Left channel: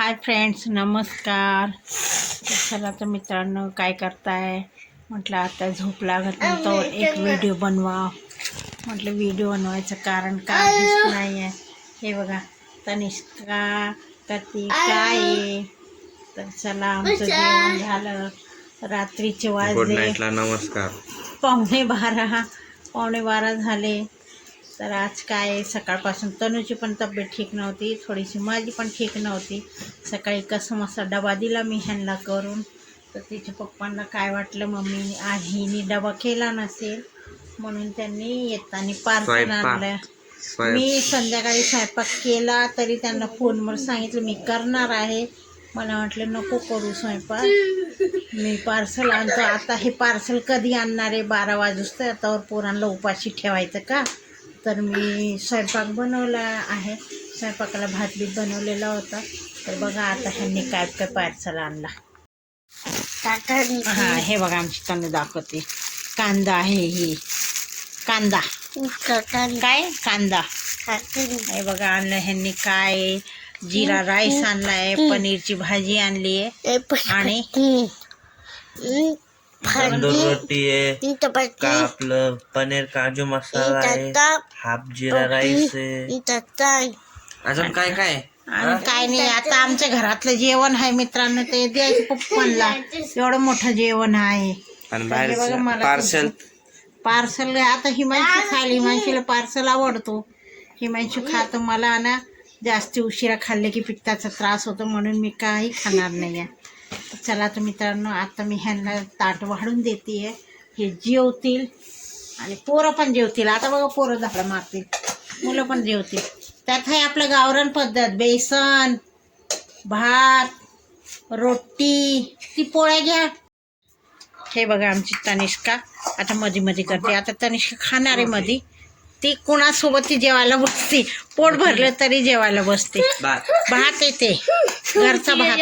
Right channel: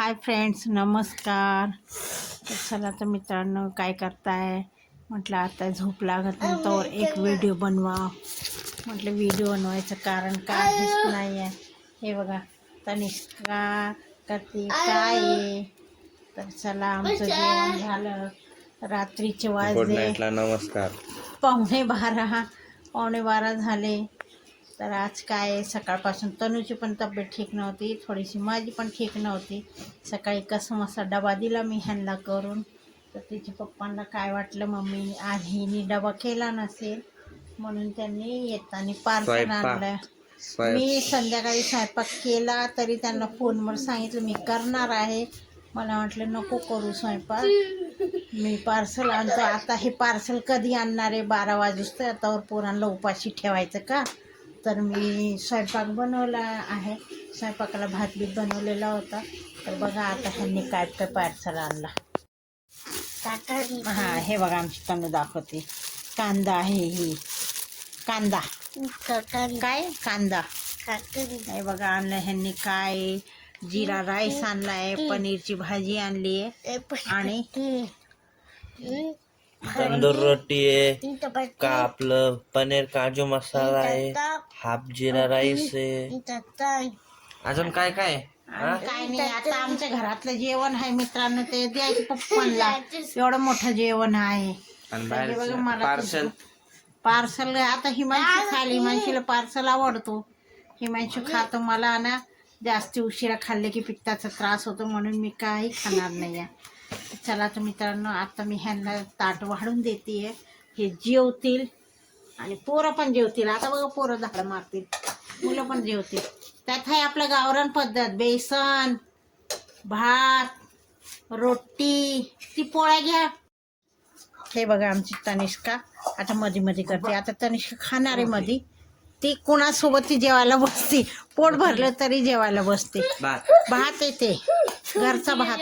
Hi friends नमस्कार. चला तर मित्रांनो काय करताय? म्हटलं आता झोप लागत नव्हतं एक व्हिडिओ बनवा म्हटलं व्हिडिओ बनवायचं कारण काहीच नाही आहे हे बघा तनिष्का कतिका आहे. तर चला आमचं जेवण झालं. रात्रीचे वाजले. नमस्कार. पावणे बारा पावणे बारा झाले. तर आज काय सकाळपासून तनूची पण तब्येत ठीक नव्हती थोडीशी माझी पण ठीक नव्हती. सकाळी कसं मसा डबा दिला मी ह्यांना करून. तर तिच्या पप्पांना काय वाटलं मम्मी आज हिने डबा केला नसेल म्हणून त्यांनी येताना पार्सल. आणलं. मी संध्याकाळी स्वयंपाक केला तरी त्यांना फोनवर सांगितलं मी करणार आहे. मला म्हटलं नको करू स्वयंपाक. मी पार्सल आणतो. आता हे पार्सल कधी आणणार आहे? बारा वाजता आतावर पोरांना उपाशी ठेवायचं का? तर मी स्वयंपाक बनवला आहे. स्वयंपाकाला भात बीत बनवलेला होता. तर बघा आता ह्यांनी काय काय पार्सल आणला. हां हे बघा आमची तनु दाखवते. कांदा आहे ही. कांदा. काय? कांदा. हे बघा आणलं ह्यांनी काय? जिरा राईस आणलाय पनीरची भाजी आणली आहे. आणि तंदूर रोटी आहे का आपलं? पनीर काजू मसाला आहे हाफ जिरा राईस आहे. अजून काय काय? आहे? आणि काय नाही आता आमच्या घरातलं जेवण आहे मित्रांनो ते द्यायचं पप्पांना एवढं मोठं जेवण आहे. आणि हे बघा मला पार्सल. पार्सल आता हिमांशी खाली हिमांशीला पार्सल आवडतो. हिमांशू खातो मला ना जास्ती उशिरा खाल्ले की पित्ताचा त्रास होतो म्हणून मी काही खाणार नाही आहे चला तर मित्रांनो आता मी ह्यांना ताट वाढून देते हे जेवतील. आणि पोरं पण जेवतील. आता बघा पोरं झालं मारतील. मुलं पण जेवतील. त्यात आहे आपलं गावरान पद्धत. बेसन भात रोटी. ती पोळ्या घ्या. हे बघा आमची तनिष्का. आता मध्ये मध्ये करते. आता तनिष्का खाणार आहे मध्ये ती कोणासोबत ती जेवायला बसते? पोट भरलं तरी जेवायला बसते. भात येते. घरचा भात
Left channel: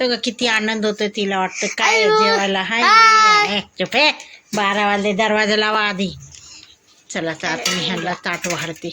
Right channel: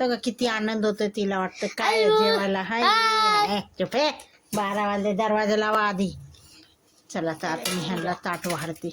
आहे तो किती आनंद होतो तिला वाटतं. काय जेवायला? हाय. चुप. आहे बारा वाजले दरवाजा लावा आधी चला तर आता मी ह्यांना ताट वाढते.